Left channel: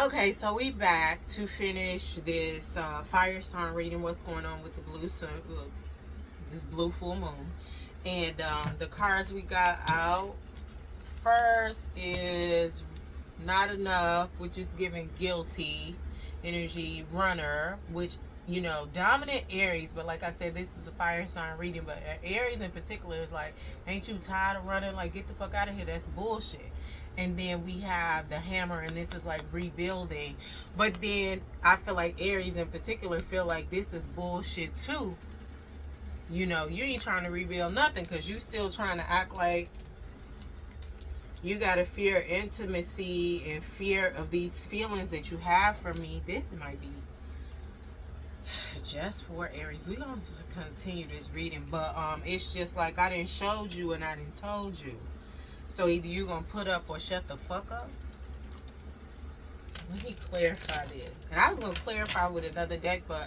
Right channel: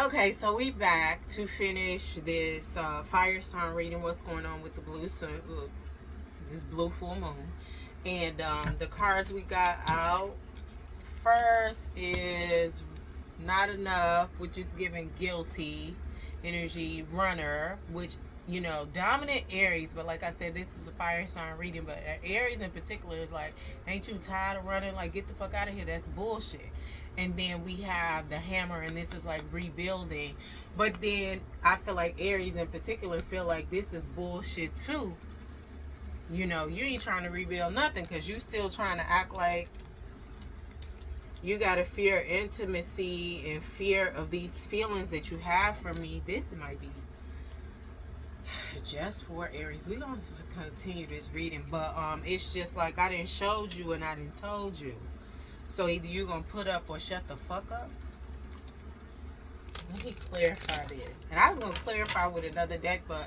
Okay, so we back to finish this fire sign reading. What's going on with the blue sun, this blue full moon, and the cards we got out first is not enough, which is giving guilty energy. Runner, which dominant Aries, but like I said, this is a fire sign reading. But Aries in particular is like, ain't you tired of running? Like, get the fuck out of here. That's bullshit. And then we have the hammer, and this is like rebuilding. But then I feel like Aries in particular feel like this is bullshit too. You ain't trying to rebuild nothing because you still trying to act like you gotta fear intimacy and fear of these feelings that you have for me. This might be just for Aries. We're gonna continue this reading, but it's just like I didn't showed you and I didn't told you. So either you gonna put up or shut the fuck up. Let me clarify this. And I was gonna clarify with another deck, but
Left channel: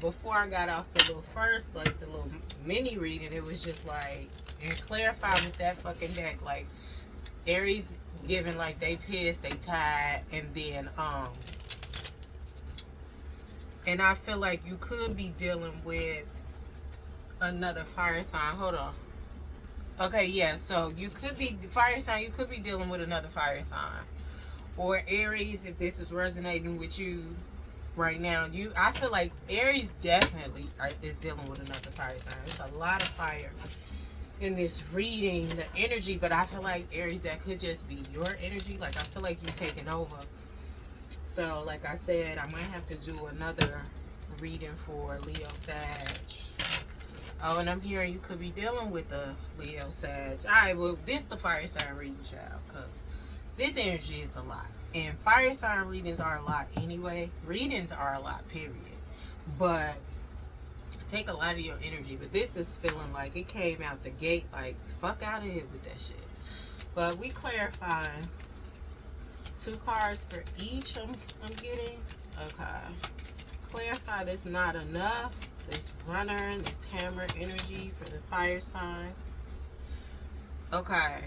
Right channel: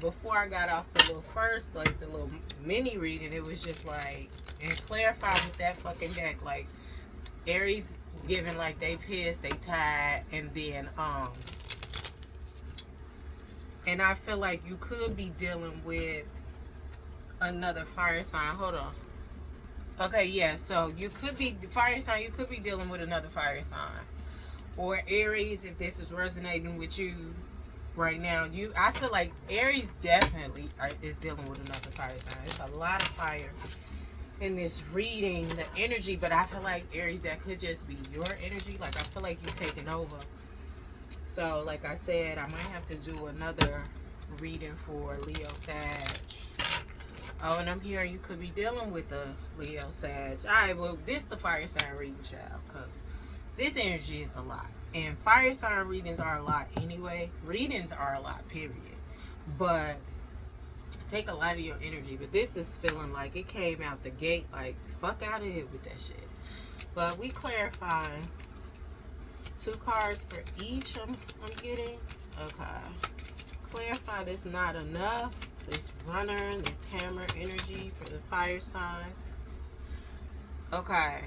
before I got off the little first, like the little mini reading, it was just like, and clarify with that fucking deck, like Aries giving like they pissed, they tired, and then and I feel like you could be dealing with another fire sign. Hold on. Okay, yeah, so you could be fire sign, you could be dealing with another fire sign. Or Aries, if this is resonating with you right now, I feel like Aries definitely is dealing with another fire sign. There's a lot of fire in this reading, the energy, but I feel like Aries, that could just be your energy. Like I feel like you taking over. So like I said, I might have to do another reading for Leo Sag. Oh, and I'm hearing you could be dealing with a Leo Sag. Alright, well, this the fire sign reading, child, because this energy is a lot. And fire sign readings are a lot anyway. Readings are a lot, period. But take a lot of your energy. But this is feeling like it came out the gate like, fuck out of here with that shit. But we clarifying 2 cards for each I'm getting. Okay. Clarify this not enough. This runner, this hammer energy for the fire signs. Okay.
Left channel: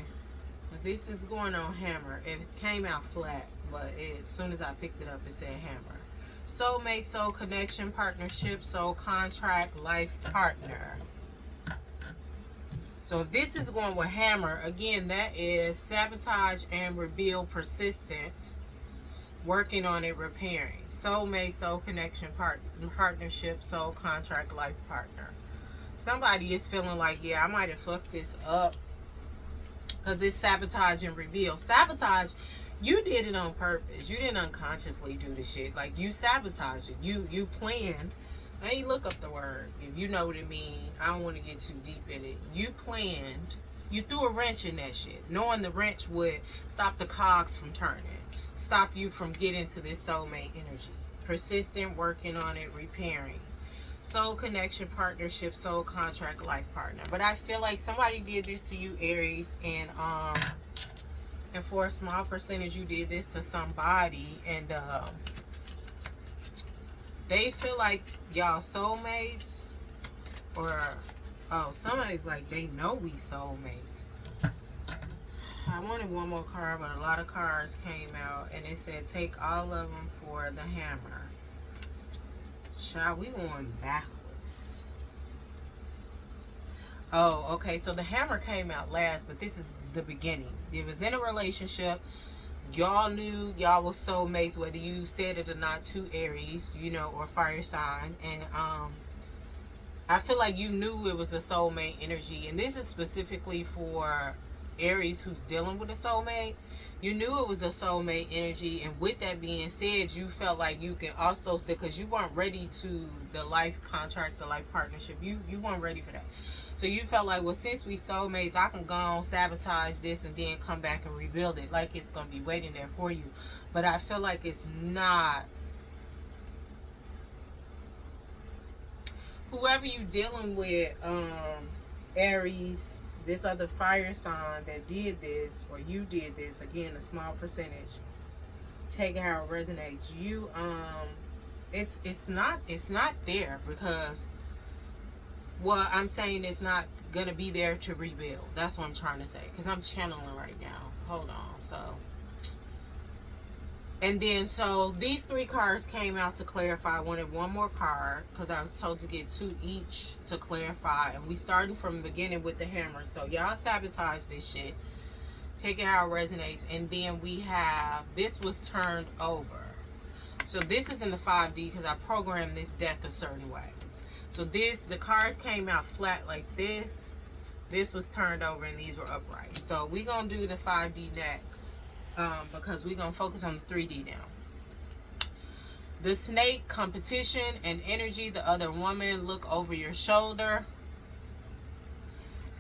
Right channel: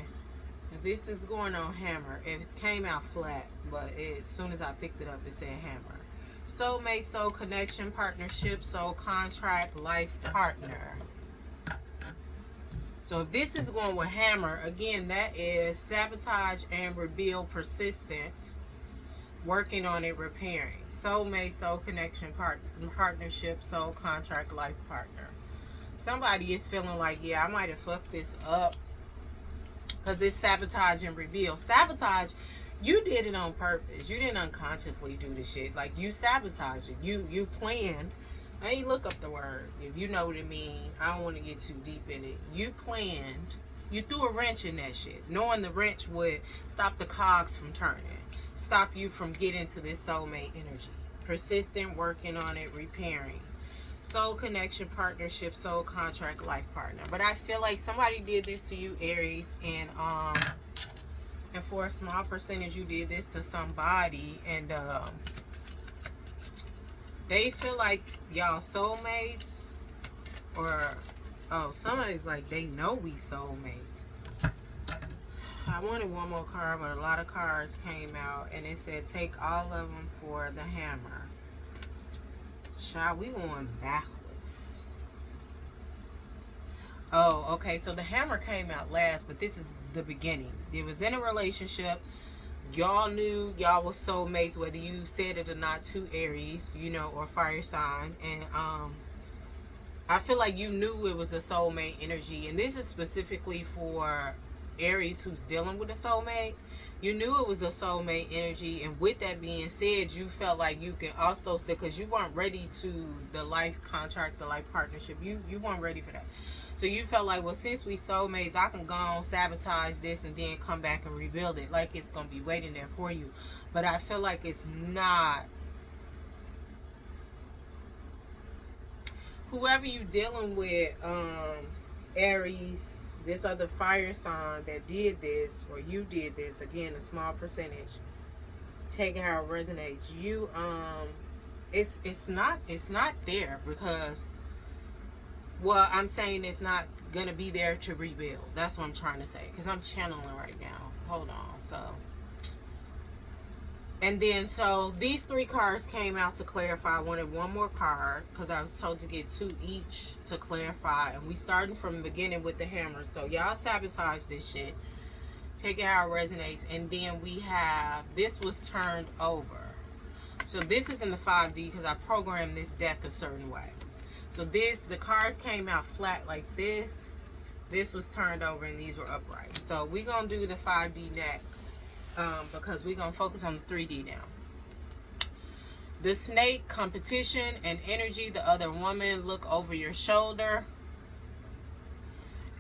This is going on hammer. It came out flat, but as soon as I picked it up, it said hammer. Soulmate, soul connection, partnership, soul contract, life partner. So if this is going with hammer, again, that is sabotage and rebuild, persistent, working on it, repairing. Soulmate, soul connection, partnership, soul contract, life partner. Somebody is feeling like, yeah, I might have fucked this up because it's sabotage and reveal. Sabotage, you did it on purpose. You didn't unconsciously do the shit. Like, you sabotaged it. You planned. I ain't look up the word. If you know what it means, I don't want to get too deep in it. You planned. You threw a wrench in that shit, knowing the wrench would stop the cogs from turning. Stop you from getting to this soulmate energy. Persistent, working on it, repairing. Soul connection, partnership, soul contract, life partner. But I feel like somebody did this to you, Aries, and for a small percentage you did this to somebody, and they feel like y'all soulmates, or somebody's like they know we soulmates. I wanted one more card, but a lot of cards came out, and it said take all of them for the hammer. Child, we going backwards. Oh, okay, so the hammer came out last, but this is the beginning. It was in a relationship. Y'all knew y'all were soulmates, whether you said it or not, to Aries, or fire sign. And I feel like you knew it was a soulmate energy, and this is specifically for Aries who's dealing with a soulmate. You knew it was a soulmate energy, and with that being said, you felt like you can also still, because you weren't ready to the life contract, the life partnership. You weren't ready for that. So you felt like, well, since we soulmates, I can go on, sabotage this, and then come back and rebuild it. Like it's going to be waiting there for you. But I feel like it's not. Whoever you dealing with, Aries, this other fire sign that did this, or you did this, again, a small percentage, take how it resonates. You, it's not there because, well, I'm saying it's not gonna be there to rebuild. That's what I'm trying to say, because I'm channeling right now. Hold on. So And then, so these 3 cards came out to clarify. I wanted one more card because I was told to get 2 each to clarify. And we starting from the beginning with the hammer. So y'all sabotage this shit. Take it how it resonates. And then we have, this was turned over. So this is in the 5D because I programmed this deck a certain way. So this, the cards came out flat like this. This was turned over and these were upright. So we're going to do the 5D next. Because we're going to focus on the 3D now. The snake, competition and energy. The other woman, look over your shoulder.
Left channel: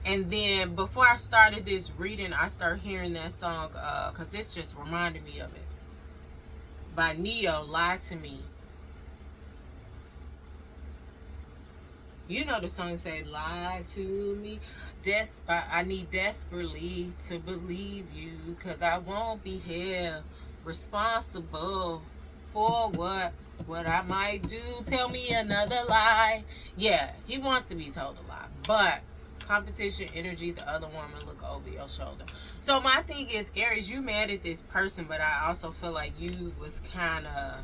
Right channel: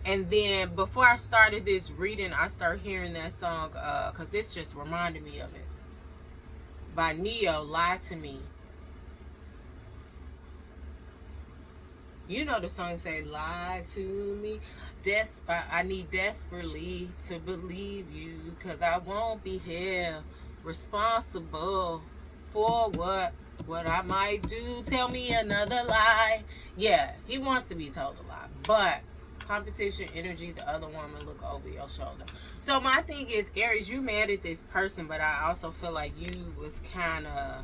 And then before I started this reading, I started hearing that song, because this just reminded me of it. By Neo, Lie to Me. You know the song say, lie to me. I need desperately to believe you, because I won't be held responsible for what I might do. Tell me another lie. Yeah, he wants to be told a lie. But competition, energy, the other woman, look over your shoulder. So my thing is, Aries, you mad at this person, but I also feel like you was kind of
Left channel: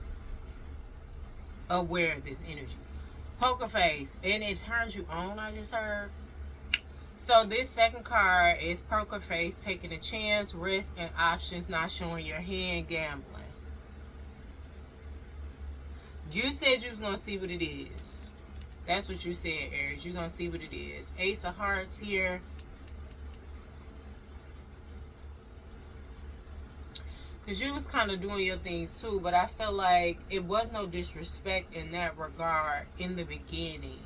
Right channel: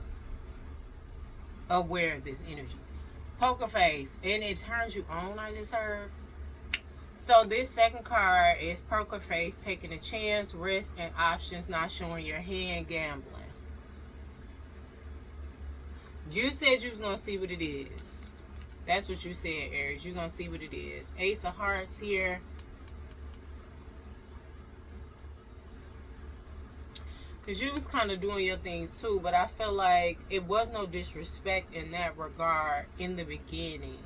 aware of this energy. Poker face, and it turns you on, I just heard. So this second card is poker face, taking a chance, risk, and options, not showing your hand, gambling. You said you was going to see what it is. That's what you said, Aries. You're going to see what it is. Ace of Hearts here. Because you was kind of doing your things too, but I feel like it was no disrespect in that regard in the beginning.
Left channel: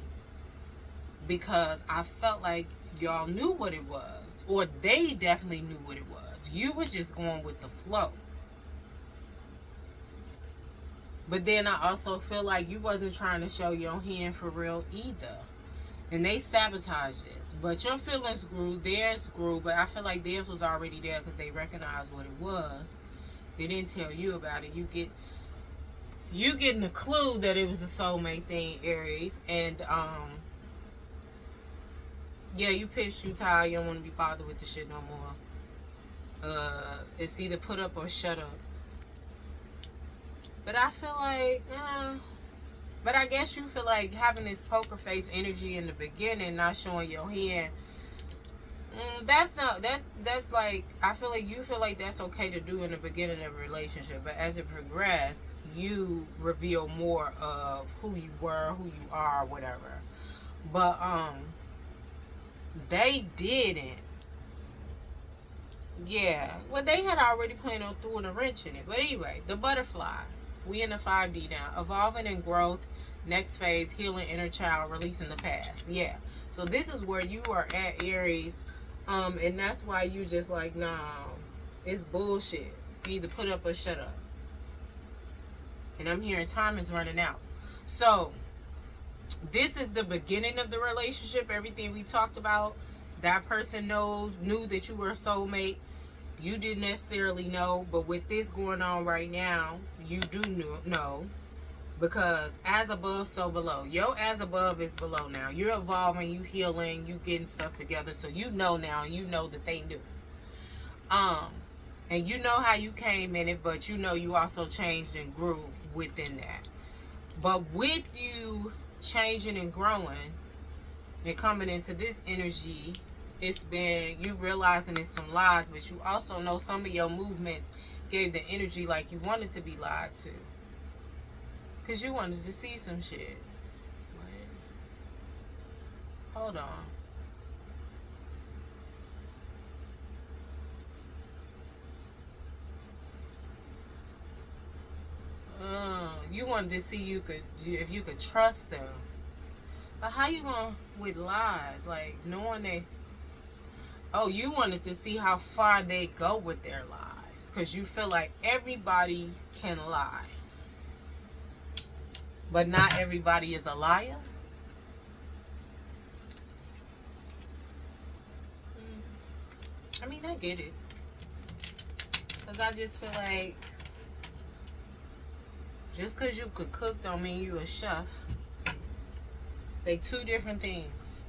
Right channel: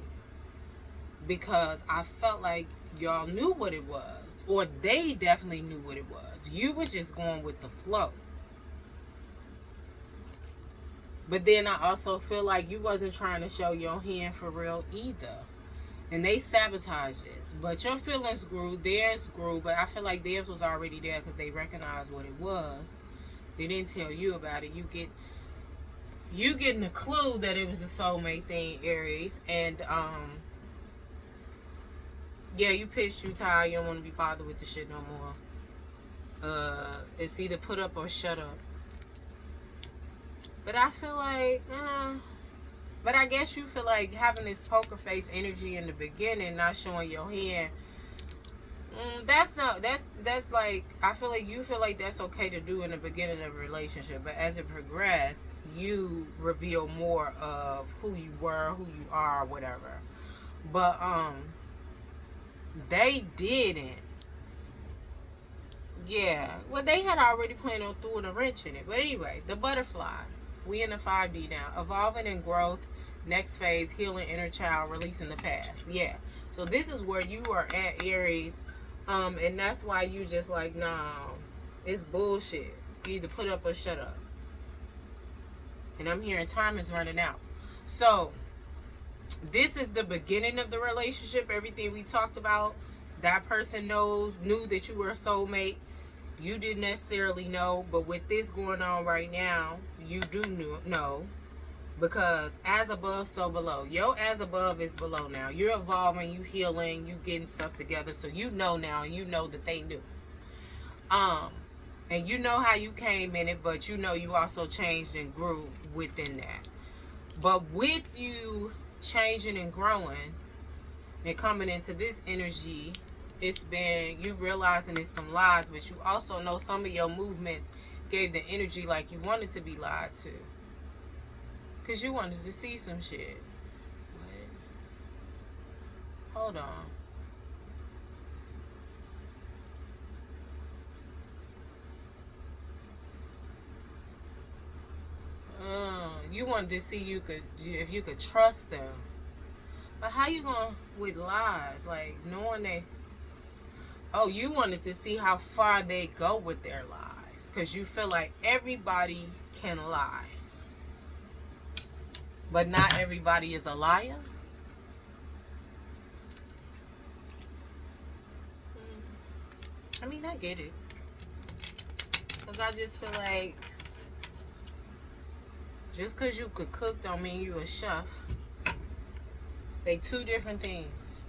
Because I felt like y'all knew what it was. Or they definitely knew what it was. You was just going with the flow. But then I also feel like you wasn't trying to show your hand for real either. And they sabotaged this. But your feelings grew, theirs grew, but I feel like theirs was already there because they recognized what it was. They didn't tell you about it. You getting a clue that it was a soulmate thing, Aries. And yeah, you pissed, you tired, you don't want to be bothered with the shit no more. It's either put up or shut up. But I feel like, but I guess you feel like having this poker face energy in the beginning, not showing your hand. That's like, I feel like you feel like that's okay to do in the beginning of a relationship, but as it progressed, you reveal more of who you were, who you are, whatever. But they didn't. Yeah, well, they had already planned on throwing a wrench in it. But anyway, the butterfly. We in the 5D now. Evolving and growth. Next phase, healing inner child, releasing the past. Yeah. So this is where you are at, Aries. And that's why you just like, nah, it's bullshit. You either put up or shut up. And I'm hearing time is running out. So this is the beginning of the relationship. Everything we talked about. That person knew that you were a soulmate. You didn't necessarily know. But with this going on right now, you do know. Because as above, so below. Your as above is below now. You're evolving, you healing, you getting stuff together. So you know now, you know that they knew. And you know how you came in it, but you know you also changed and grew within that. But with you changing and growing and coming into this energy, it's been, you realizing it's some lies, but you also know some of your movements gave the energy like you wanted to be lied to. Because you wanted to see some shit. What? Hold on. You wanted to see if you could trust them. But how you going with lies? Like, knowing they... Oh, you wanted to see how far they go with their lies. Because you feel like everybody can lie. But not everybody is a liar. I mean, I get it. Because I just feel like just because you could cook don't mean you a chef. They two different things.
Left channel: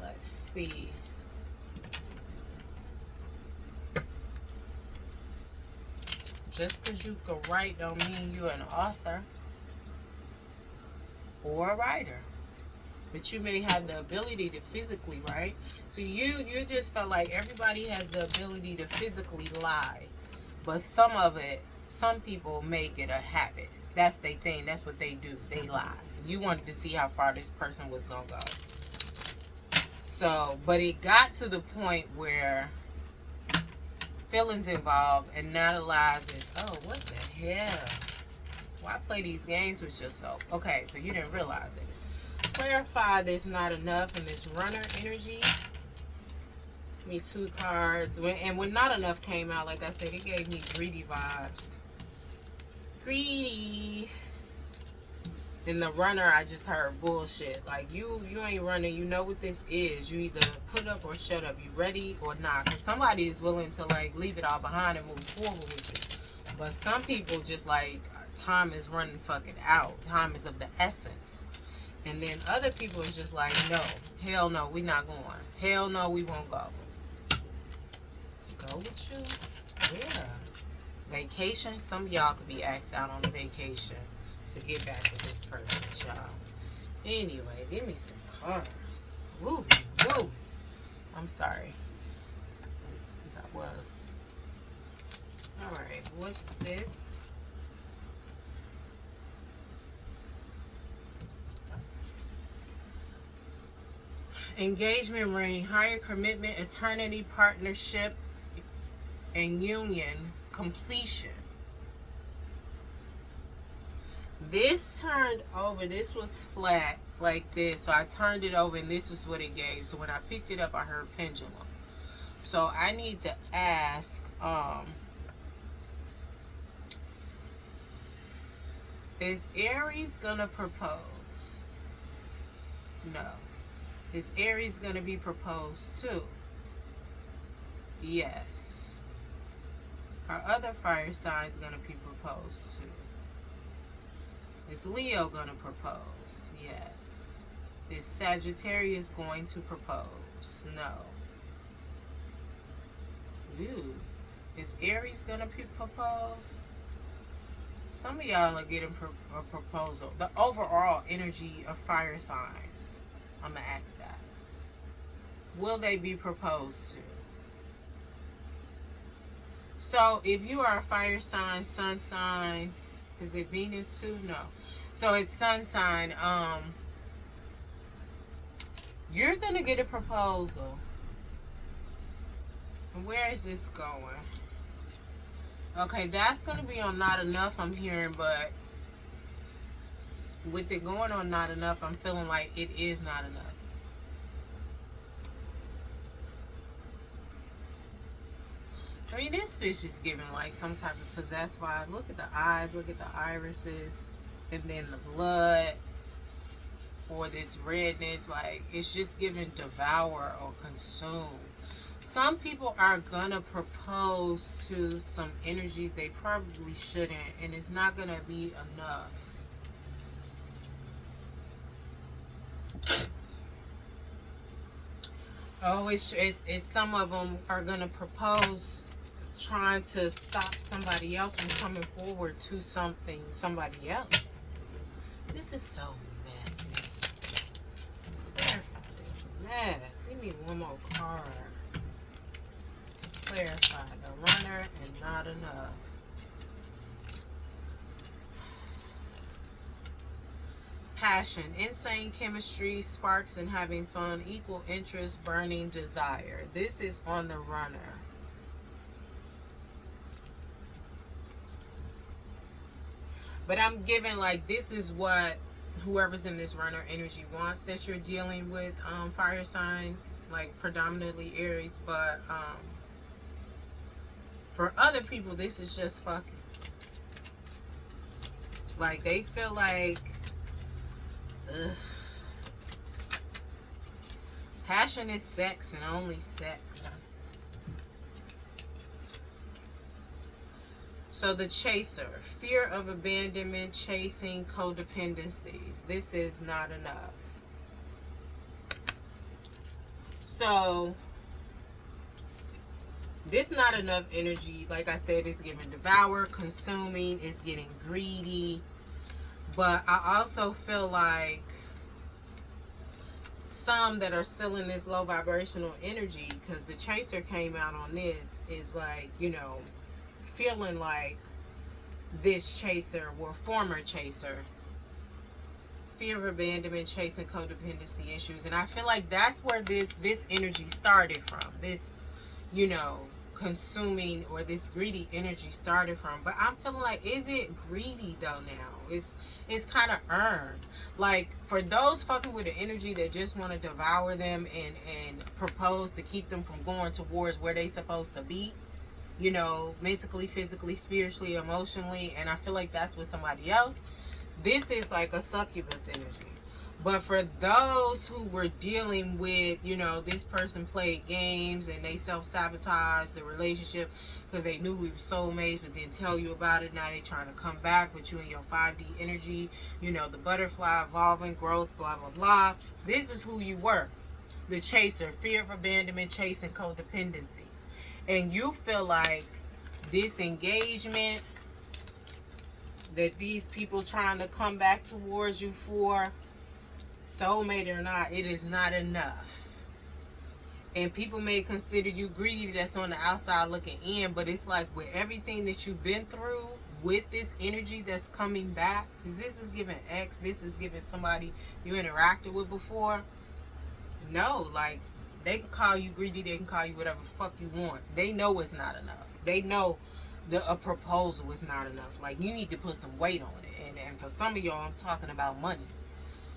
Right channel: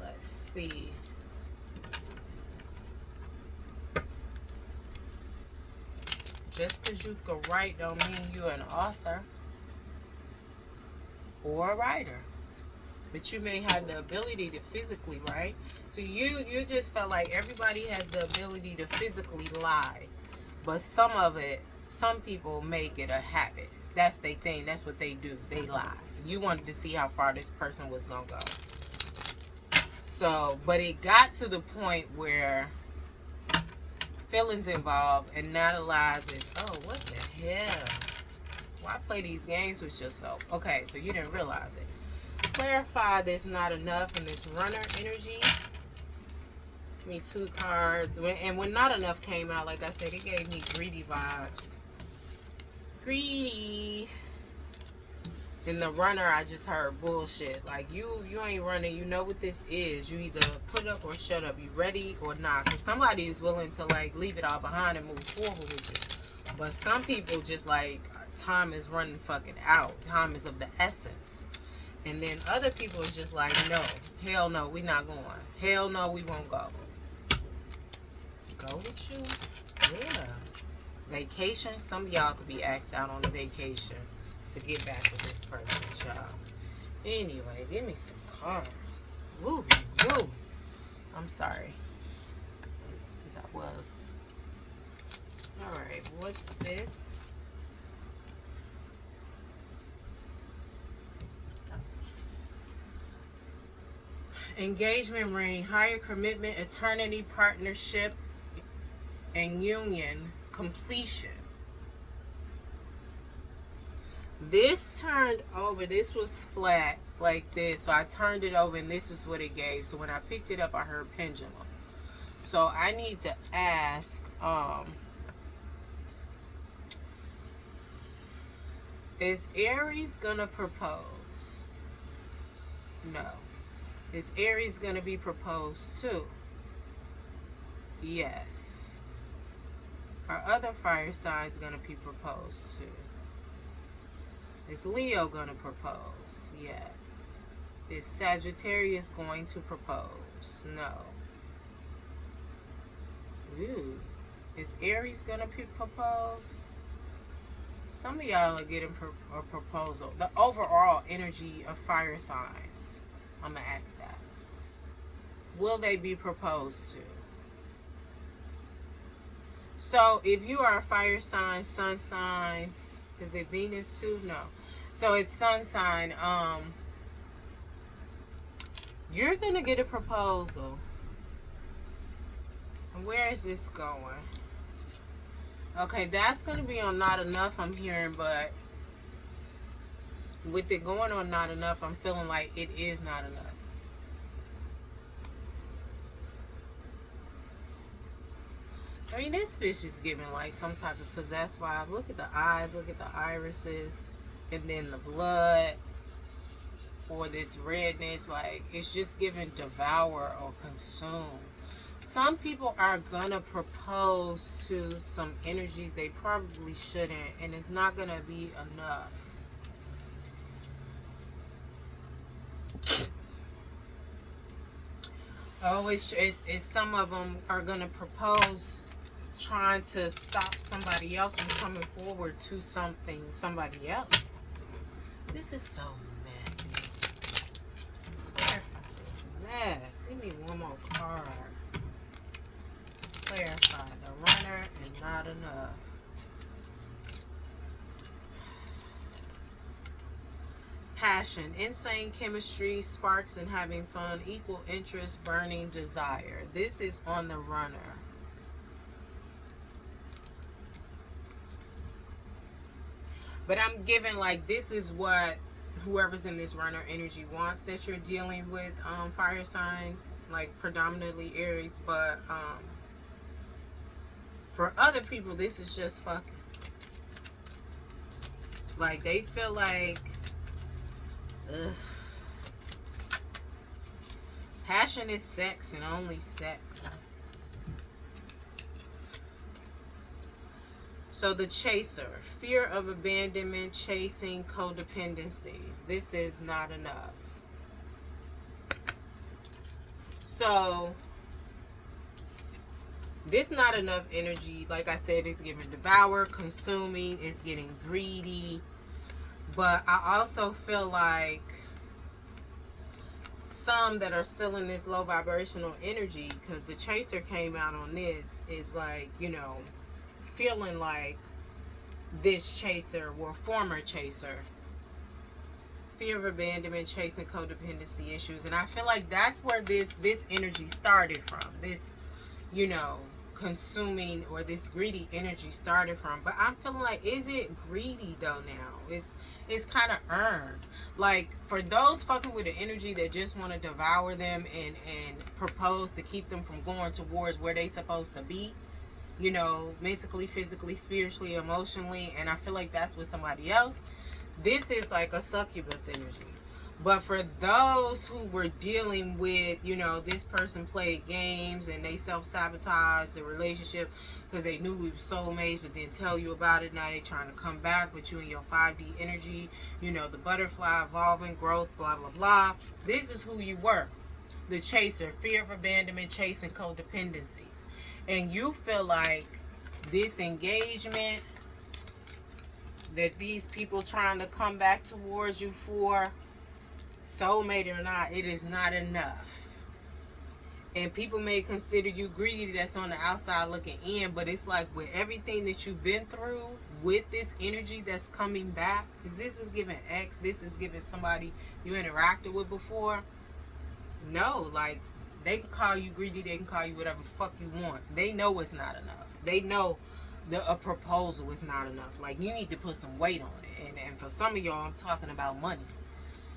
Let's see. just because you can write don't mean you're an author or a writer. But you may have the ability to physically write. So you just felt like everybody has the ability to physically lie. But some people make it a habit. That's their thing. That's what they do. They lie. You wanted to see how far this person was going to go. So, but it got to the point where feelings involved, and now the lies is, oh, what the hell? Why play these games with yourself? Okay, so you didn't realize it. Clarify there's not enough in this runner energy. Give me 2 cards. And when not enough came out, like I said, it gave me greedy vibes. Greedy. In the runner, I just heard bullshit. Like, you ain't running. You know what this is. You either put up or shut up. You ready or not. Because somebody is willing to, like, leave it all behind and move forward with you. But some people just, like, time is running fucking out. Time is of the essence. And then other people is just like, no. Hell no, we not going. Hell no, we won't go. Go with you? Yeah. Vacation. Some of y'all could be asked out on a vacation to get back with this person, y'all. Anyway, give me some cards. Woo, woo. I'm sorry. Because I was. Alright, what's this? Engagement ring, higher commitment, eternity, partnership, and union, completion. This turned over. This was flat like this. So I turned it over and this is what it gave. So when I picked it up, I heard pendulum. So I need to ask, is Aries gonna propose? No. Is Aries gonna be proposed to? Yes. Our other fire sign is gonna be proposed to. Is Leo gonna propose? Yes. Is Sagittarius going to propose? No. Ooh. Is Aries gonna propose? Some of y'all are getting a proposal. The overall energy of fire signs. I'm gonna ask that. Will they be proposed to? So if you are a fire sign, sun sign, is it Venus too? No. So it's sun sign. You're gonna get a proposal. And where is this going? Okay, that's gonna be on Not Enough, I'm hearing, but with it going on Not Enough, I'm feeling like it is not enough. I mean, this fish is giving like some type of possessed vibe. Look at the eyes, look at the irises, and then the blood, or this redness. Like, it's just giving devour or consume. Some people are gonna propose to some energies they probably shouldn't, and it's not gonna be enough. Oh, it's some of them are gonna propose trying to stop somebody else from coming forward to somebody else. This is so messy. Clarify this mess. Give me one more card to clarify the runner and not enough. Passion, insane chemistry, sparks and having fun, equal interest, burning desire. This is on the runner. But I'm giving like this is what whoever's in this runner energy wants that you're dealing with, fire sign, like predominantly Aries, but for other people this is just fucking. Like they feel like ugh. Passion is sex and only sex. So the chaser, fear of abandonment, chasing, codependencies. This is not enough. So This not enough energy. Like I said, it's giving devour, consuming, it's getting greedy. But I also feel like some that are still in this low vibrational energy, because the chaser came out on this, is like, you know, feeling like this chaser or former chaser, fear of abandonment, chasing codependency issues. And I feel like that's where this energy started from. This, you know, consuming or this greedy energy started from. But I'm feeling like, is it greedy though now? It's kind of earned. Like, for those fucking with the energy that just want to devour them and propose to keep them from going towards where they supposed to be, you know, mentally, physically, spiritually, emotionally, and I feel like that's with somebody else. This is like a succubus energy. But for those who were dealing with, you know, this person played games and they self-sabotaged the relationship because they knew we were soulmates but didn't tell you about it. Now they trying to come back with you in your 5D energy, you know, the butterfly, evolving, growth, blah, blah, blah. This is who you were. The chaser, fear of abandonment, chasing codependencies. And you feel like this engagement that these people trying to come back towards you for, soulmate or not, it is not enough. And people may consider you greedy that's on the outside looking in, but it's like with everything that you've been through with this energy that's coming back, because this is giving X, this is giving somebody you interacted with before. No, like, they can call you greedy, they can call you whatever the fuck you want. They know it's not enough. They know a proposal is not enough. Like, you need to put some weight on it. And for some of y'all, I'm talking about money.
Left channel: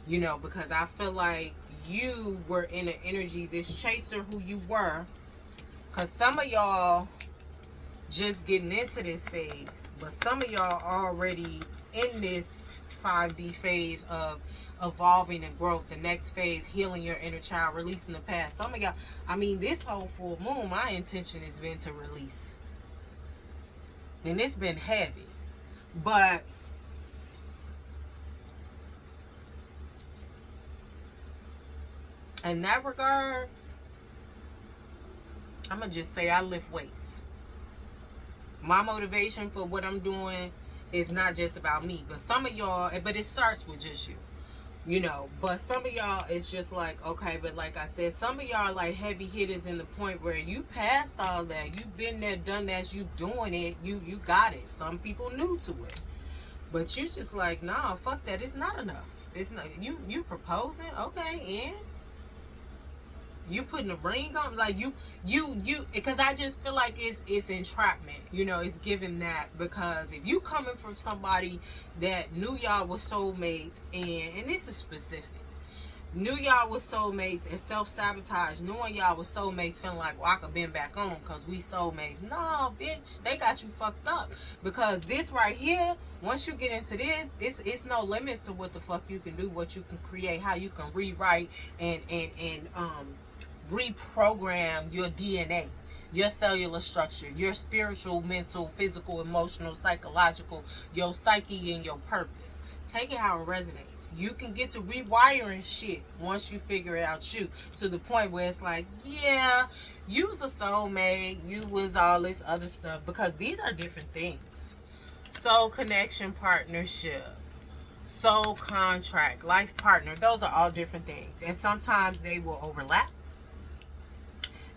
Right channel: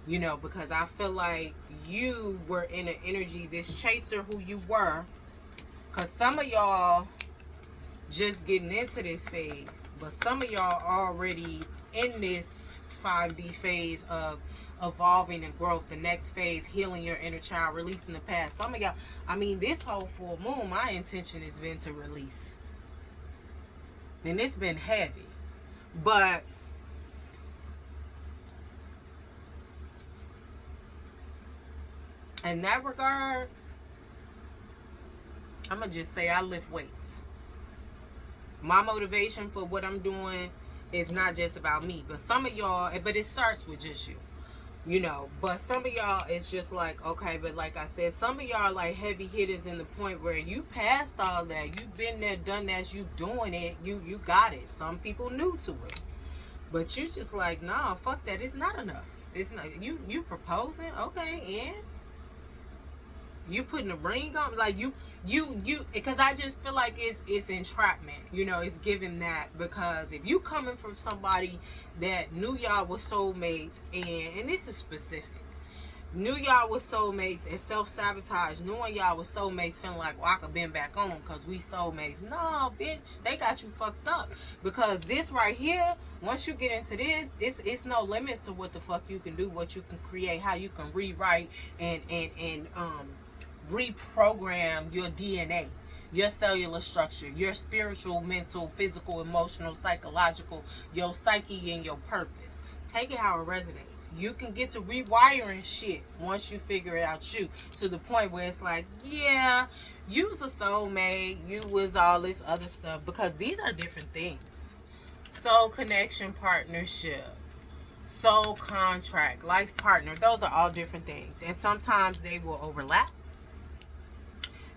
You know, because I feel like you were in an energy, this chaser who you were, because some of y'all just getting into this phase, but some of y'all already in this 5D phase of evolving and growth, the next phase, healing your inner child, releasing the past. Some of y'all, I mean, this whole full moon, my intention has been to release. And it's been heavy. But in that regard, I'm going to just say I lift weights. My motivation for what I'm doing is not just about me. But some of y'all, but it starts with just you. You know, but some of y'all, it's just like, okay, but like I said, some of y'all are like heavy hitters in the point where you passed all that. You've been there, done that, you doing it, you got it. Some people new to it. But you just like, nah, fuck that. It's not enough. It's not, you proposing, okay, and you putting a ring on, like you, because I just feel like it's entrapment. You know, it's giving that, because if you coming from somebody that knew y'all were soulmates, and this is specific, knew y'all were soulmates and self-sabotage, knowing y'all were soulmates, feeling like, well, I could bend back on because we soulmates. No, bitch, they got you fucked up. Because this right here, once you get into this, it's no limits to what the fuck you can do, what you can create, how you can rewrite and reprogram your DNA, your cellular structure, your spiritual, mental, physical, emotional, psychological, your psyche, and your purpose. Take it how it resonates. You can get to rewiring shit once you figure it out, you, to the point where it's like, yeah, you was a soulmate, you was all this other stuff, because these are different things. Soul connection, partnership, soul contract, life partner, those are all different things. And sometimes they will overlap.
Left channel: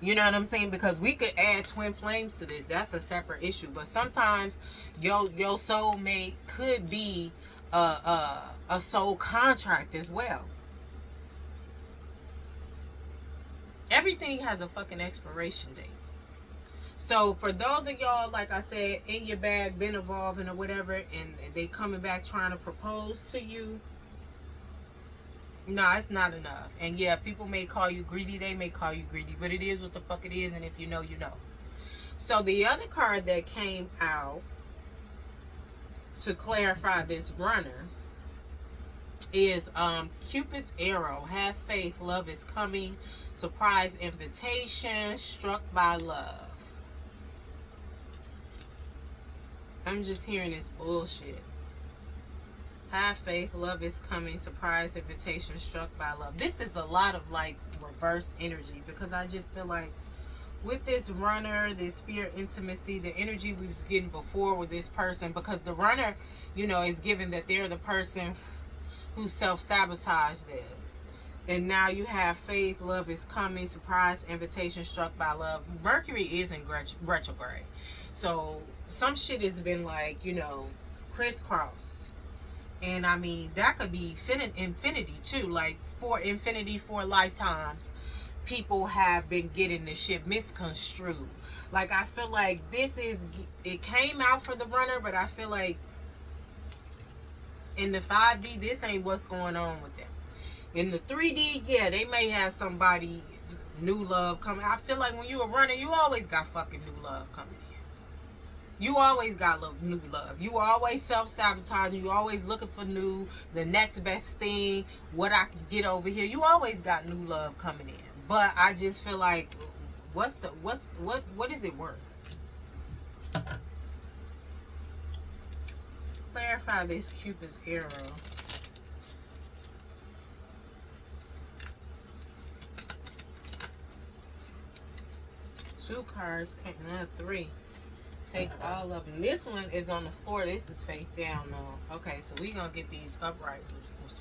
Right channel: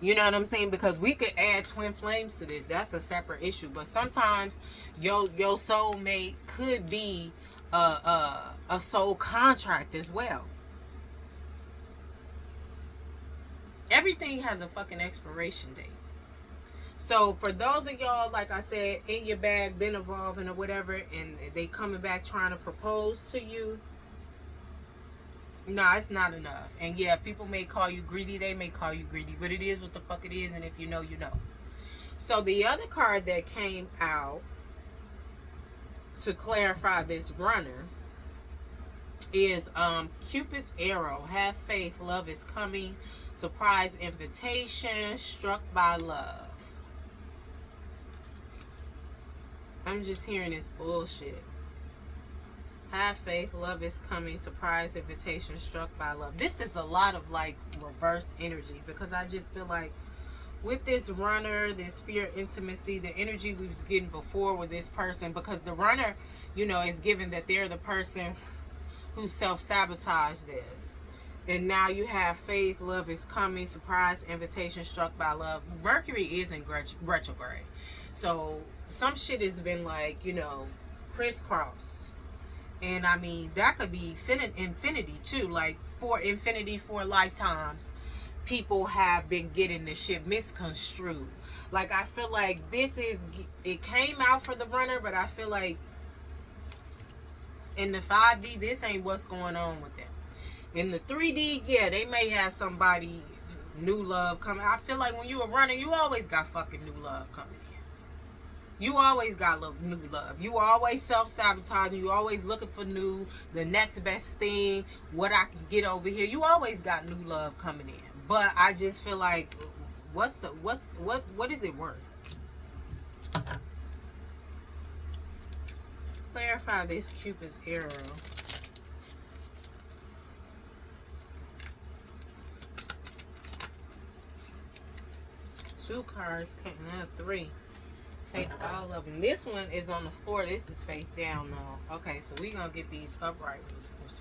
You know what I'm saying? Because we could add twin flames to this. That's a separate issue. But sometimes your soulmate could be a soul contract as well. Everything has a fucking expiration date. So for those of y'all, like I said, in your bag, been evolving or whatever, and they coming back trying to propose to you, no, it's not enough. And yeah, people may call you greedy. They may call you greedy. But it is what the fuck it is. And if you know, you know. So the other card that came out to clarify this runner is Cupid's arrow. Have faith. Love is coming. Surprise invitation. Struck by love. I'm just hearing this bullshit. Have faith, love is coming, surprise invitation, struck by love. This is a lot of like reverse energy, because I just feel like with this runner, this fear, intimacy, the energy we was getting before with this person, because the runner, you know, is given that they're the person who self-sabotaged this. And now you have faith, love is coming, surprise, invitation, struck by love. Mercury is in retrograde. So some shit has been like, you know, crisscross. And I mean, that could be infinity too. Like for infinity, for lifetimes, people have been getting this shit misconstrued. Like I feel like it came out for the runner, but I feel like in the 5D, this ain't what's going on with them. In the 3D, yeah, they may have somebody, new love coming. I feel like when you a runner, you always got fucking new love coming in. You always got new love. You always self-sabotaging. You always looking for the next best thing, what I can get over here. You always got new love coming in. But I just feel like, what is it worth? Clarify this Cupid's arrow. Two cards, now three. Take all of them. This one is on the floor. This is face down now. Okay, so we're going to get these upright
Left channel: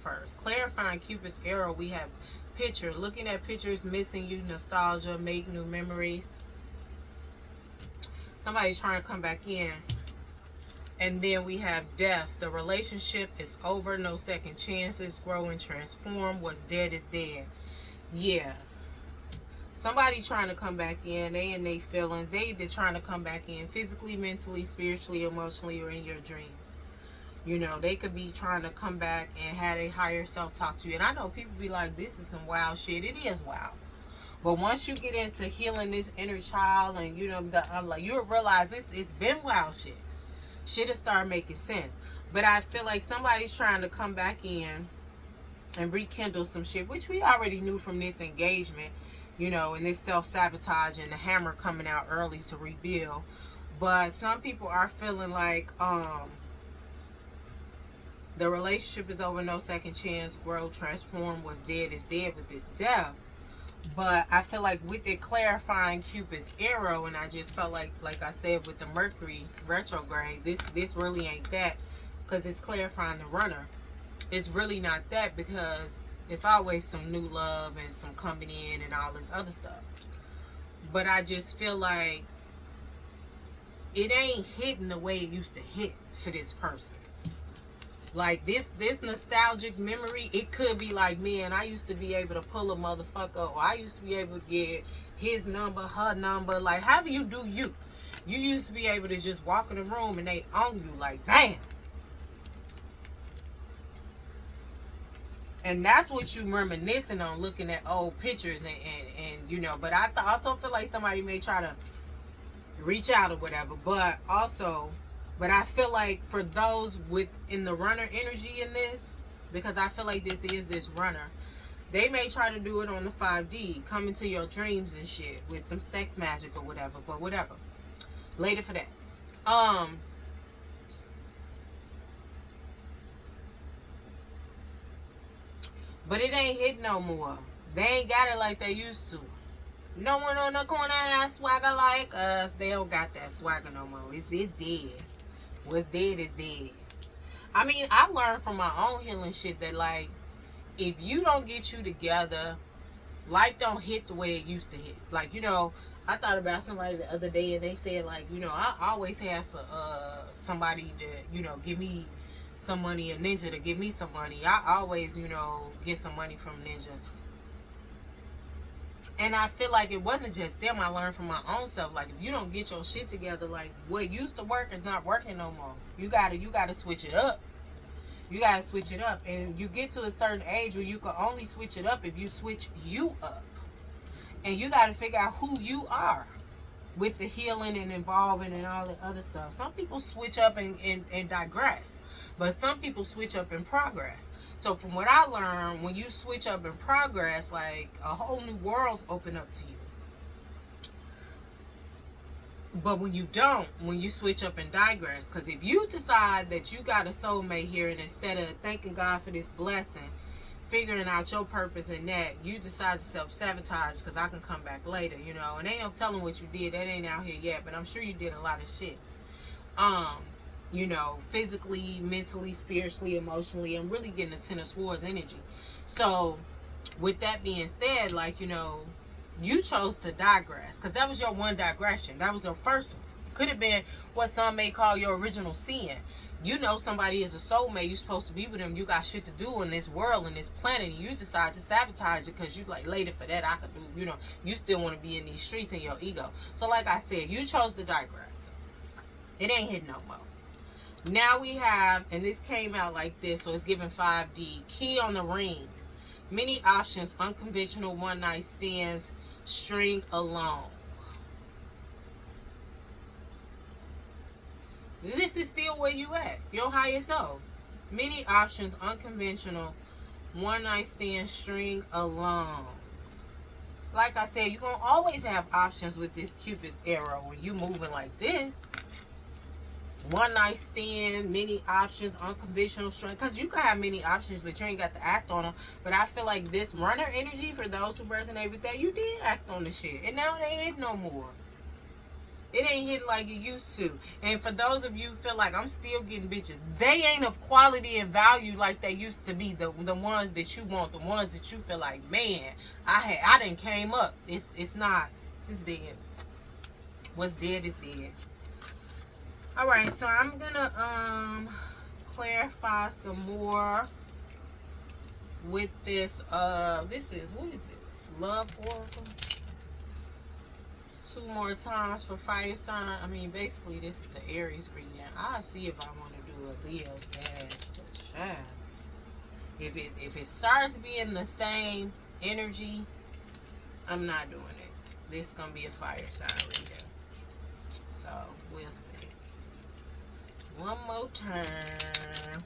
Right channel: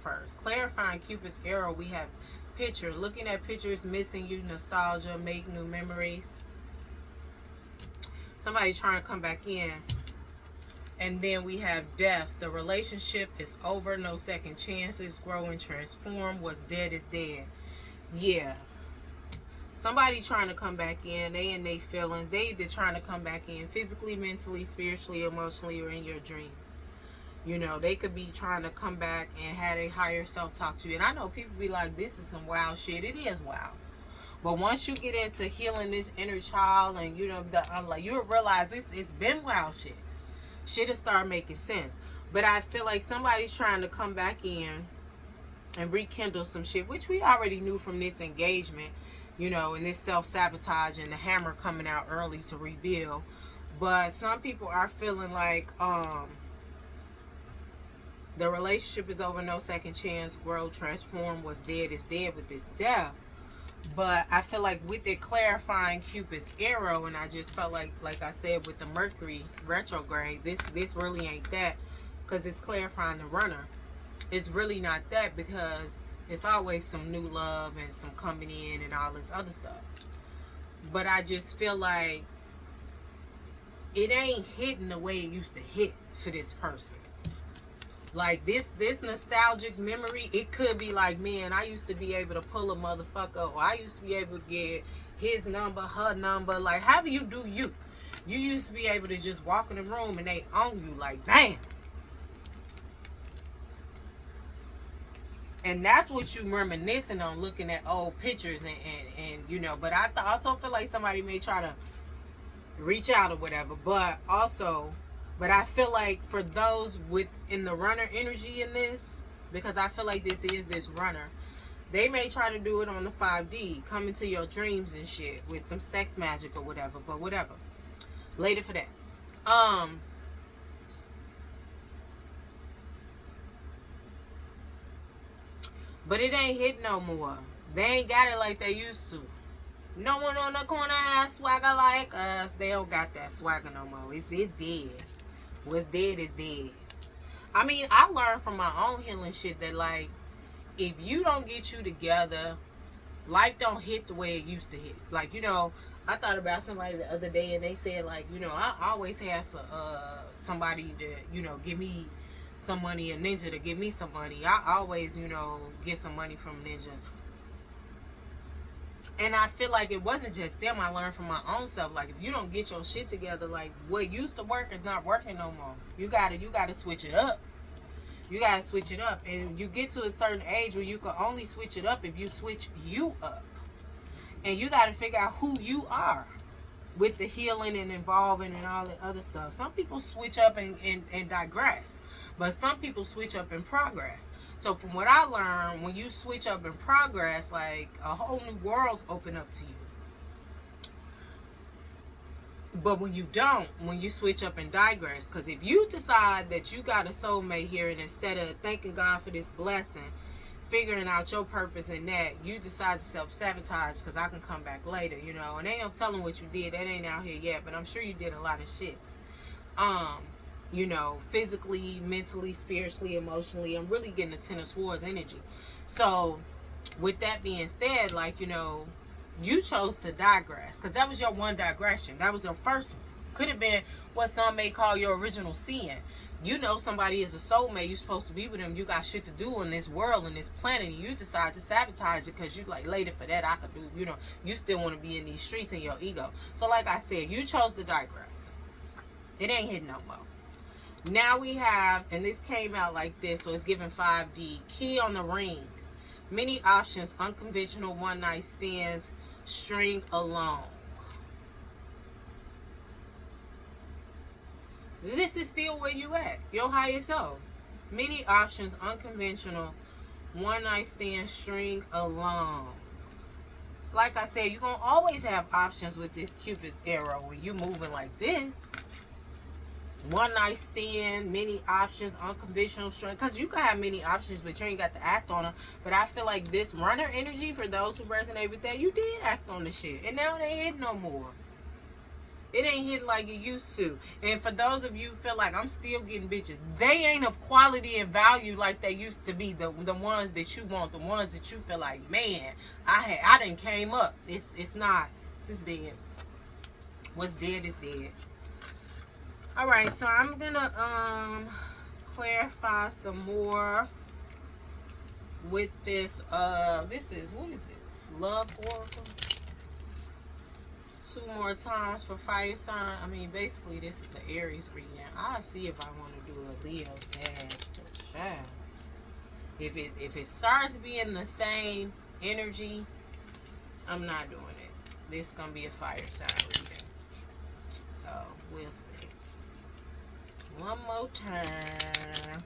first. Clarifying Cupid's arrow, we have picture. Looking at pictures, missing you, nostalgia, make new memories. Somebody's trying to come back in. And then we have death. The relationship is over. No second chances. Grow and transform. What's dead is dead. Yeah. Somebody trying to come back in. They in their feelings. They either trying to come back in physically, mentally, spiritually, emotionally, or in your dreams. You know, they could be trying to come back and have a higher self talk to you. And I know people be like, this is some wild shit. It is wild. But once you get into healing this inner child and, you know, you'll realize it's been wild shit. Shit will start making sense. But I feel like somebody's trying to come back in and rekindle some shit, which we already knew from this engagement, you know, and this self-sabotage and the hammer coming out early to rebuild. But some people are feeling like the relationship is over, no second chance, grow, transform, what's dead is dead with this death. But I feel like with it clarifying Cupid's arrow, and I just felt like I said, with the Mercury retrograde, this really ain't that, because it's clarifying the runner. It's really not that, because it's always some new love and some coming in and all this other stuff. But I just feel like it ain't hitting the way it used to hit for this person. Like this nostalgic memory, it could be like, man, I used to be able to pull a motherfucker, or I used to be able to get his number, her number, like however you do you. You used to be able to just walk in the room and they own you like, bam. And that's what you reminiscing on, looking at old pictures and you know, but I also feel like somebody may try to reach out or whatever, but I feel like for those within the runner energy in this, because I feel like this is this runner, they may try to do it on the 5D, come into your dreams and shit with some sex magic or whatever, but whatever. Later for that. But it ain't hit no more. They ain't got it like they used to. No one on the corner has swagger like us. They don't got that swagger no more. It's dead. What's dead is dead. I mean, I learned from my own healing shit that, like, if you don't get you together, life don't hit the way it used to hit. Like, you know, I thought about somebody the other day and they said, like, you know, I always had somebody to, you know, give me some money, a ninja to give me some money. I always, you know, get some money from ninja. And I feel like it wasn't just them. I learned from my own self. Like, if you don't get your shit together, like, what used to work is not working no more. You gotta switch it up. You gotta switch it up. And you get to a certain age where you can only switch it up if you switch you up. And you gotta figure out who you are with the healing and involving and all the other stuff. Some people switch up and digress. But some people switch up and progress. So from what I learned, when you switch up and progress, like, a whole new world's open up to you. But when you don't, when you switch up and digress, because if you decide that you got a soulmate here, and instead of thanking God for this blessing, figuring out your purpose in that, you decide to self-sabotage because I can come back later, you know. And ain't no telling what you did. That ain't out here yet, but I'm sure you did a lot of shit. You know, physically, mentally, spiritually, emotionally. I'm really getting the Ten of Swords energy. So, with that being said, like, you know, you chose to digress because that was your one digression. That was your first one. Could have been what some may call your original sin. You know somebody is a soulmate, you're supposed to be with them, you got shit to do in this world, in this planet, and you decide to sabotage it because you like, later for that I could do, you know, you still want to be in these streets in your ego. So like I said, you chose to digress. It ain't hit no more. Now we have, and this came out like this, so it's given 5D. Key on the ring. Many options, unconventional one-night stands, string along. This is still where you at, your higher self. Many options, unconventional, one-night stand, string along. Like I said, you're going to always have options with this Cupid's arrow when you moving like this. One night stand, many options, unconventional strength. Because you can have many options, but you ain't got to act on them. But I feel like this runner energy, for those who resonate with that, you did act on the shit. And now it ain't hit no more. It ain't hit like it used to. And for those of you who feel like I'm still getting bitches, they ain't of quality and value like they used to be. The ones that you want, the ones that you feel like, man, I done came up. It's not. It's dead. What's dead is dead. All right, so I'm gonna clarify some more with this. This is, what is this? Love Oracle. 2 more times for fire sign. I mean, basically, this is an Aries reading. I'll see if I want to do a Leo, Sag, If it starts being the same energy, I'm not doing it. This is gonna be a fire sign reading. So we'll see. One more time.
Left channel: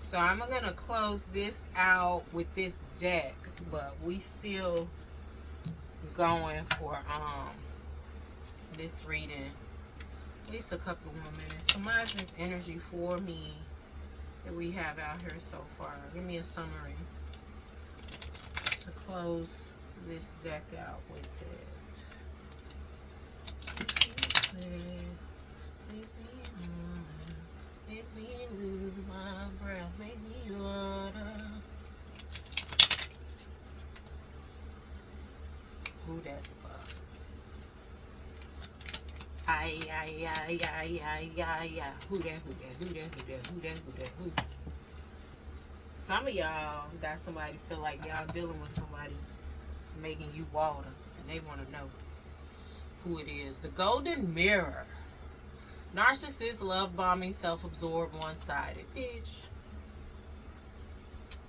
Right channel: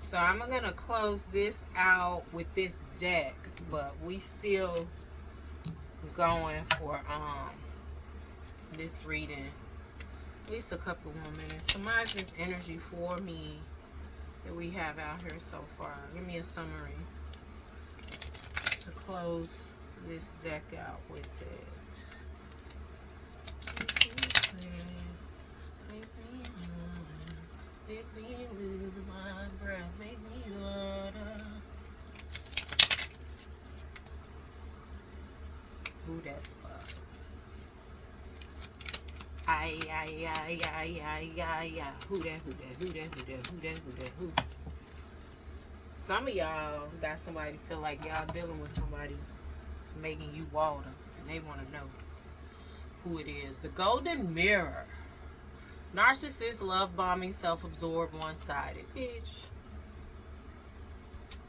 So I'm gonna close this out with this deck, but we still going for this reading at least a couple more minutes. Surmise this energy for me that we have out here so far. Give me a summary to close this deck out with it. Make me lose my breath, make me water. Who that's for? Ay, ay, ay, ay, ay, ay, ay. Who that? Some of y'all got somebody feel like y'all dealing with somebody that's making you water, and they want to know who it is. The Golden Mirror. Narcissist, love bombing, self-absorbed, one-sided. Bitch.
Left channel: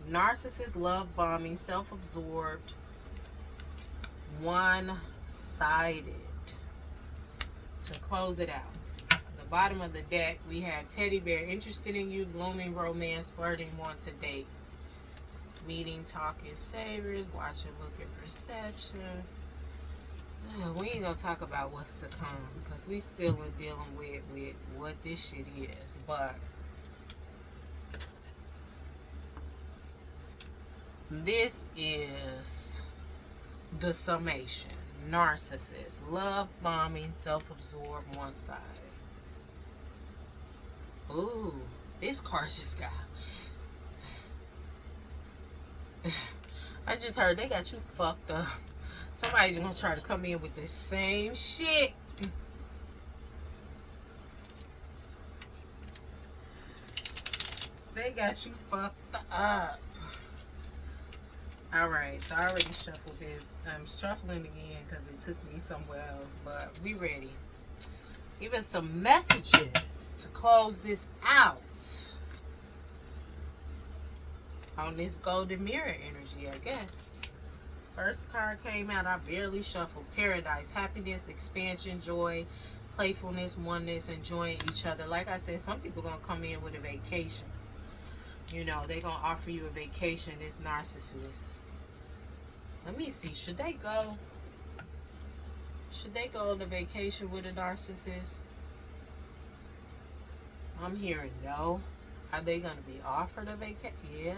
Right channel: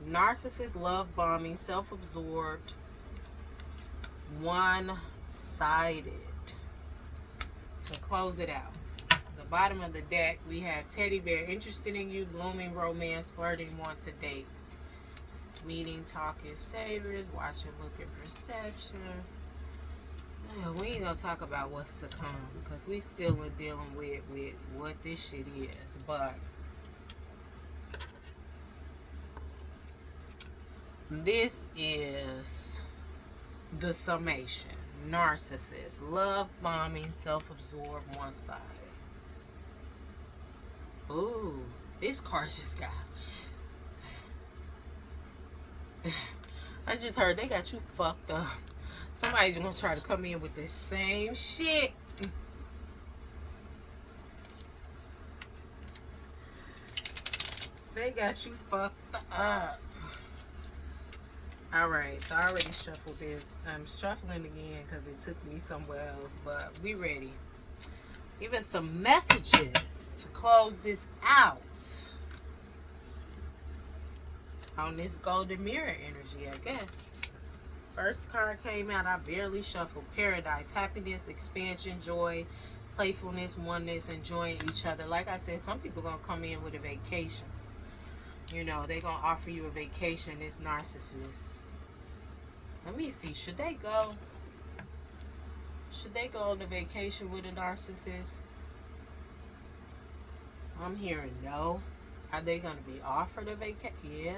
Narcissist, love bombing, self-absorbed, one-sided. To close it out, the bottom of the deck, we have Teddy Bear, interested in you, blooming romance, flirting, want to date. Meeting, talking, savored, watching, looking, perception. We ain't gonna talk about what's to come because we still are dealing with what this shit is. But this is the summation. Narcissist, love bombing, self-absorbed, one-sided. Ooh, this card just got. I just heard they got you fucked up. Somebody's gonna try to come in with the same shit. They got you fucked up. Alright, so I already shuffled this. I'm shuffling again because it took me somewhere else, but we ready. Give us some messages to close this out on this Golden Mirror energy, I guess. First card came out, I barely shuffled. Paradise, happiness, expansion, joy, playfulness, oneness, enjoying each other. Like I said, some people gonna come in with a vacation. You know, they gonna offer you a vacation, this narcissist. Let me see, should they go? Should they go on a vacation with a narcissist? I'm hearing no. Are they going to be offered a vacation? Yeah,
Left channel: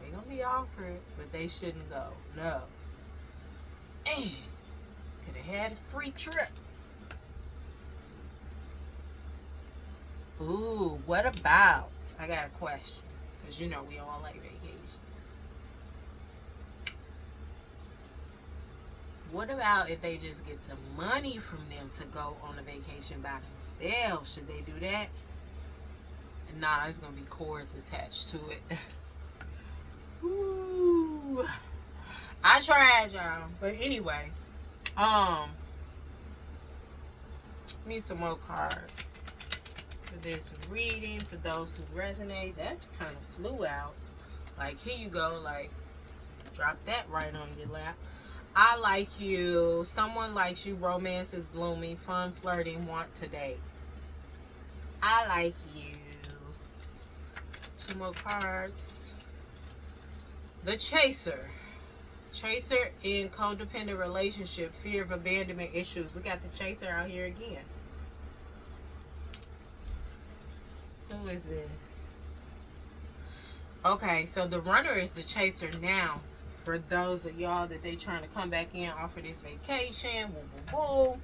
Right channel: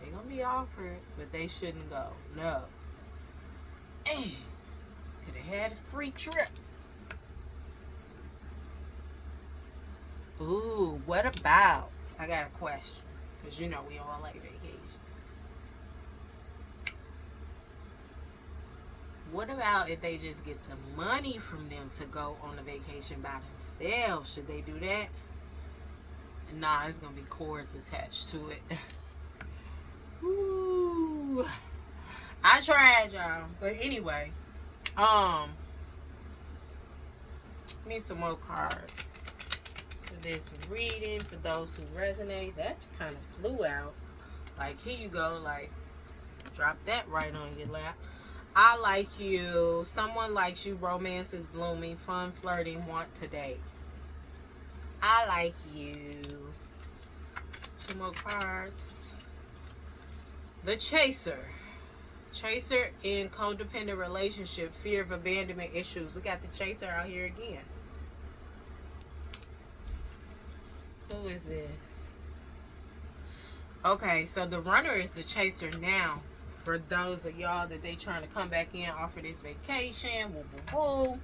they're going to be offered, but they shouldn't go. No. Could have had a free trip. Ooh, what about? I got a question. Because you know we all like vacations. What about if they just get the money from them to go on a vacation by themselves? Should they do that? Nah, it's going to be cords attached to it. Ooh. I tried, y'all. But anyway, need some more cards for this reading for those who resonate. That kind of flew out. Like, here you go. Like, drop that right on your lap. I like you. Someone likes you. Romance is blooming. Fun, flirting, want to date. I like you. 2 more cards. The Chaser. Chaser in codependent relationship, fear of abandonment issues. We got the Chaser out here again. Who is this? Okay, so the Runner is the Chaser now. For those of y'all that they trying to come back in, offer this vacation, woo woo woo,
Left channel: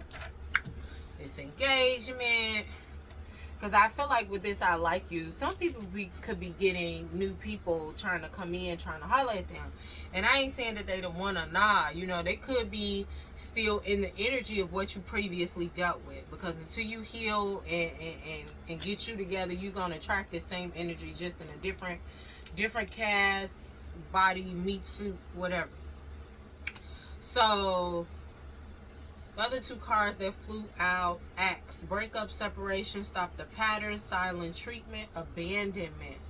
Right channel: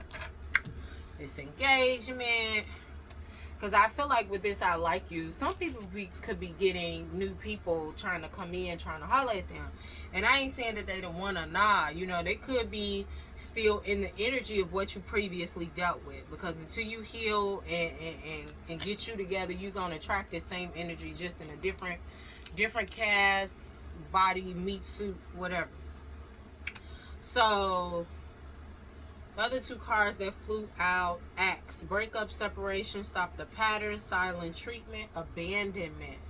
this engagement. Because I feel like with this, I like you. Some people could be getting new people trying to come in, trying to holler at them. And I ain't saying that they don't want to, nah. You know, they could be still in the energy of what you previously dealt with. Because until you heal and get you together, you're going to attract the same energy, just in a different cast, body, meat suit, whatever. So the other 2 cards that flew out: Axe, breakup, separation, stop the pattern, silent treatment, abandonment.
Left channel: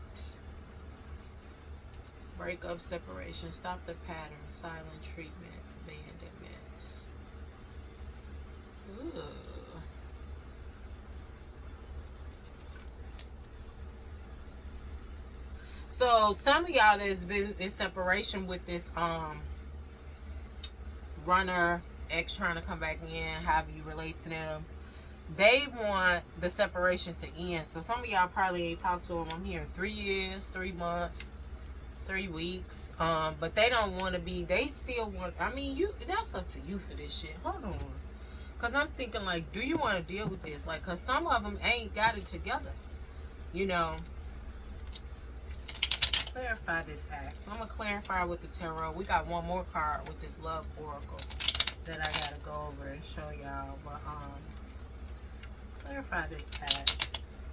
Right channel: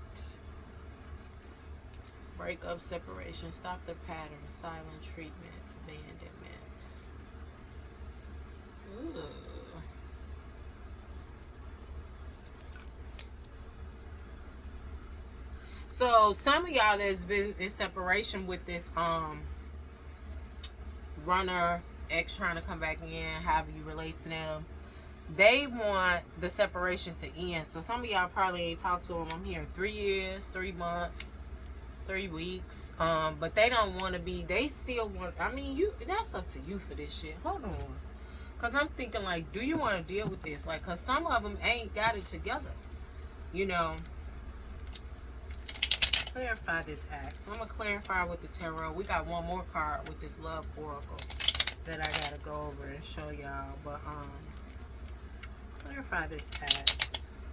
Breakup, separation, stop the pattern, silent treatment, abandonment. Ooh. So some of y'all that's been in separation with this Runner, ex trying to come back in, however you relate to them, they want the separation to end. So some of y'all probably ain't talked to them. I'm hearing 3 years, 3 months, 3 weeks. But they don't want to be. They still want. I mean, that's up to you for this shit. Hold on, cause I'm thinking like, do you want to deal with this? Like, cause some of them ain't got it together. You know. Clarify this axe. I'm gonna clarify with the tarot. We got one more card with this love oracle that I gotta go over and show y'all. But clarify this axe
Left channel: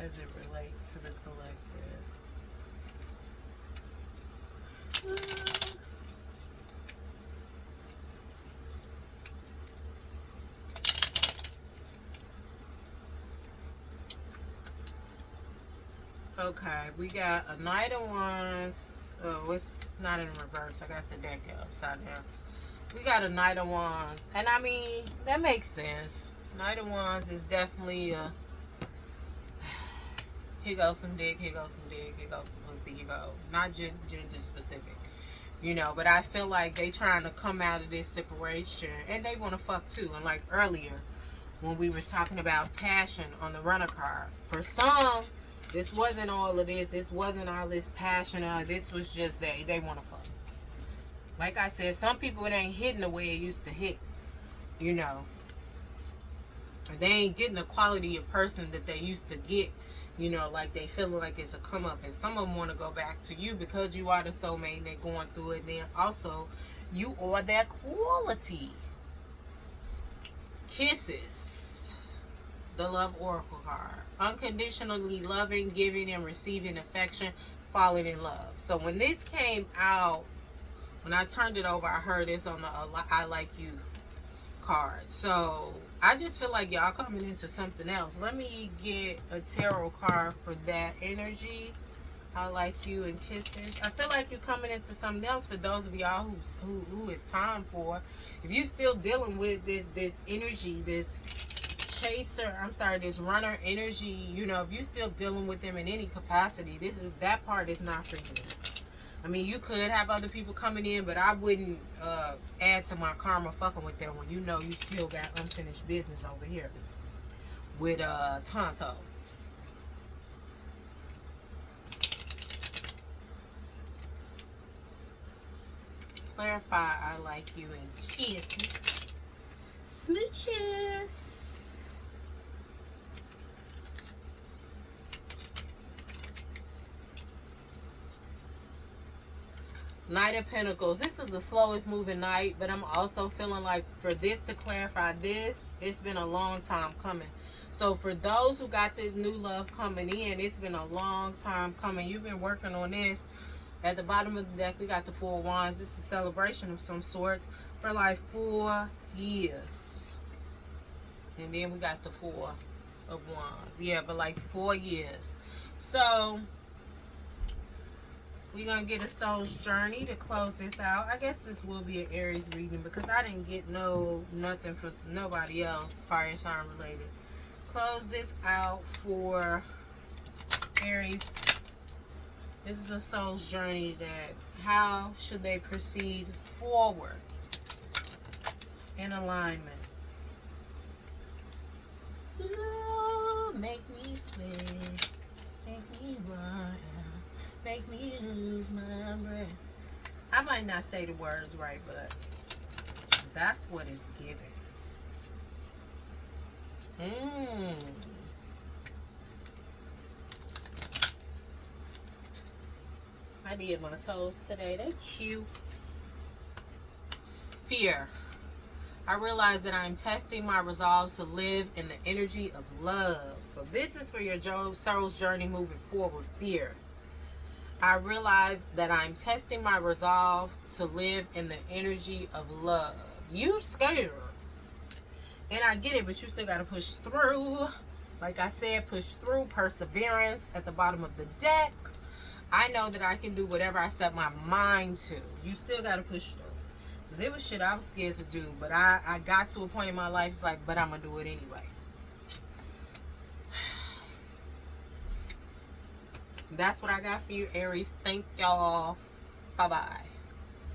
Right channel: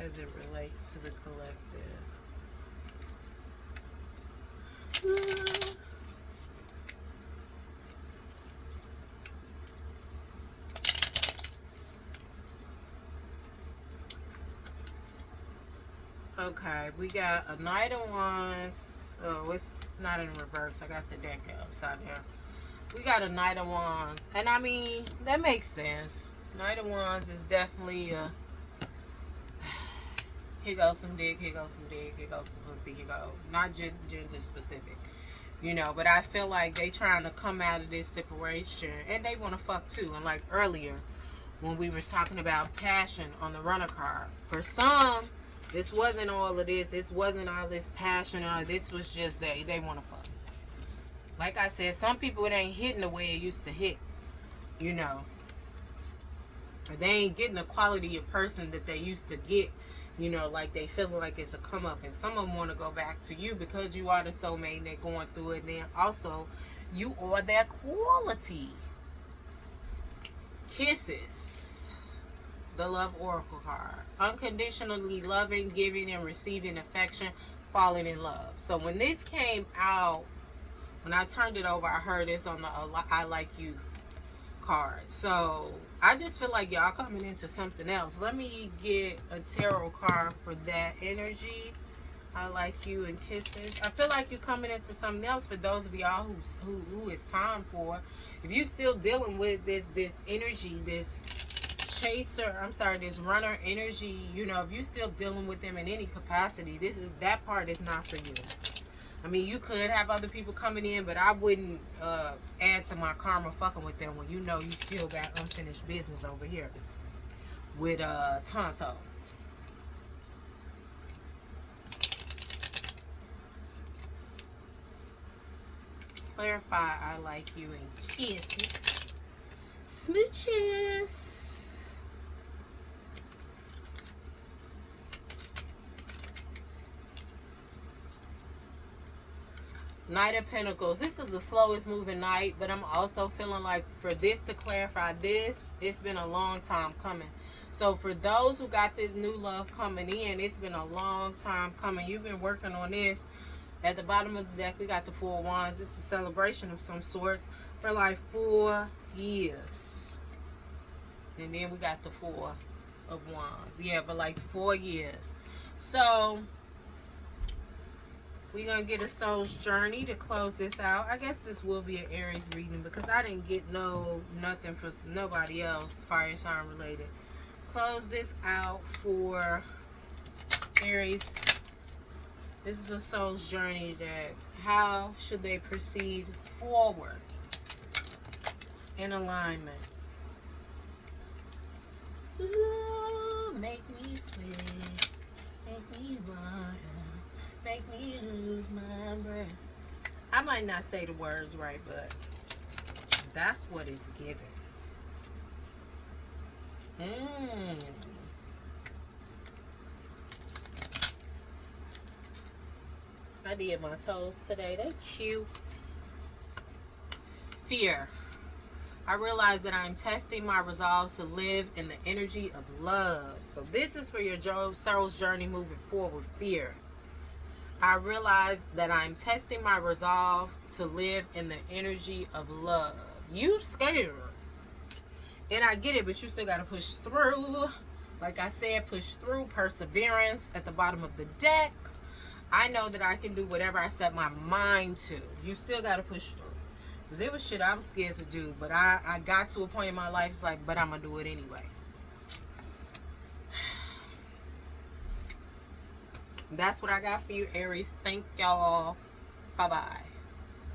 as it relates to the collective. Okay, we got a Knight of Wands. Oh, it's not in reverse. I got the deck upside down. We got a Knight of Wands. And I mean, that makes sense. Knight of Wands is definitely a... Here goes some dick, here goes some dick, here goes some pussy, here go. Not gender specific. You know, but I feel like they trying to come out of this separation. And they want to fuck too. And like earlier, when we were talking about passion on the Runner card. For some... This wasn't all of this. This wasn't all this passion. This was just they want to fuck. Like I said, some people, it ain't hitting the way it used to hit. You know. They ain't getting the quality of person that they used to get. You know, like they feeling like it's a come up. And some of them want to go back to you because you are the soulmate and they're going through it. And then also, you are that quality. Kisses. The Love Oracle card. Unconditionally loving, giving, and receiving affection, falling in love. So when this came out, when I turned it over, I heard this on the I Like You card. So I just feel like y'all coming into something else. Let me get a tarot card for that energy. I like you and kisses. I feel like you're coming into something else for those of y'all who it's time for. If you're still dealing with this energy, this Chaser, this Runner energy, you know, if you still dealing with them in any capacity, that part is not for you. I mean, you could have other people coming in, but I wouldn't add to my karma fucking with them when you know you still got unfinished business over here with Tonto. clarify I like you and kisses. Smooches. Knight of Pentacles. This is the slowest moving night, but I'm also feeling like for this to clarify this, it's been a long time coming. So for those who got this new love coming in, it's been a long time coming. You've been working on this. At the bottom of the deck, we got the Four of Wands. This is a celebration of some sorts for like 4 years. And then we got the Four of Wands. Yeah, but like 4 years. So we're going to get a soul's journey to close this out. I guess this will be an Aries reading because I didn't get nothing for nobody else fire sign related. Close this out for Aries. This is a soul's journey that how should they proceed forward in alignment. Ooh, make me sweat, make me water, make me lose my breath. I might not say the words right, but that's what it's giving. I did my toes today. They're cute. Fear. I realize that I'm testing my resolve to live in the energy of love. So this is for your soul's journey moving forward. Fear. I realize that I'm testing my resolve to live in the energy of love. You scared. And I get it, but you still got to push through. Like I said, push through. Perseverance at the bottom of the deck. I know that I can do whatever I set my mind to. You still got to push through. Because it was shit I was scared to do. But I got to a point in my life, it's like, but I'm going to do it anyway. That's what I got for you, Aries. Thank y'all. Bye-bye.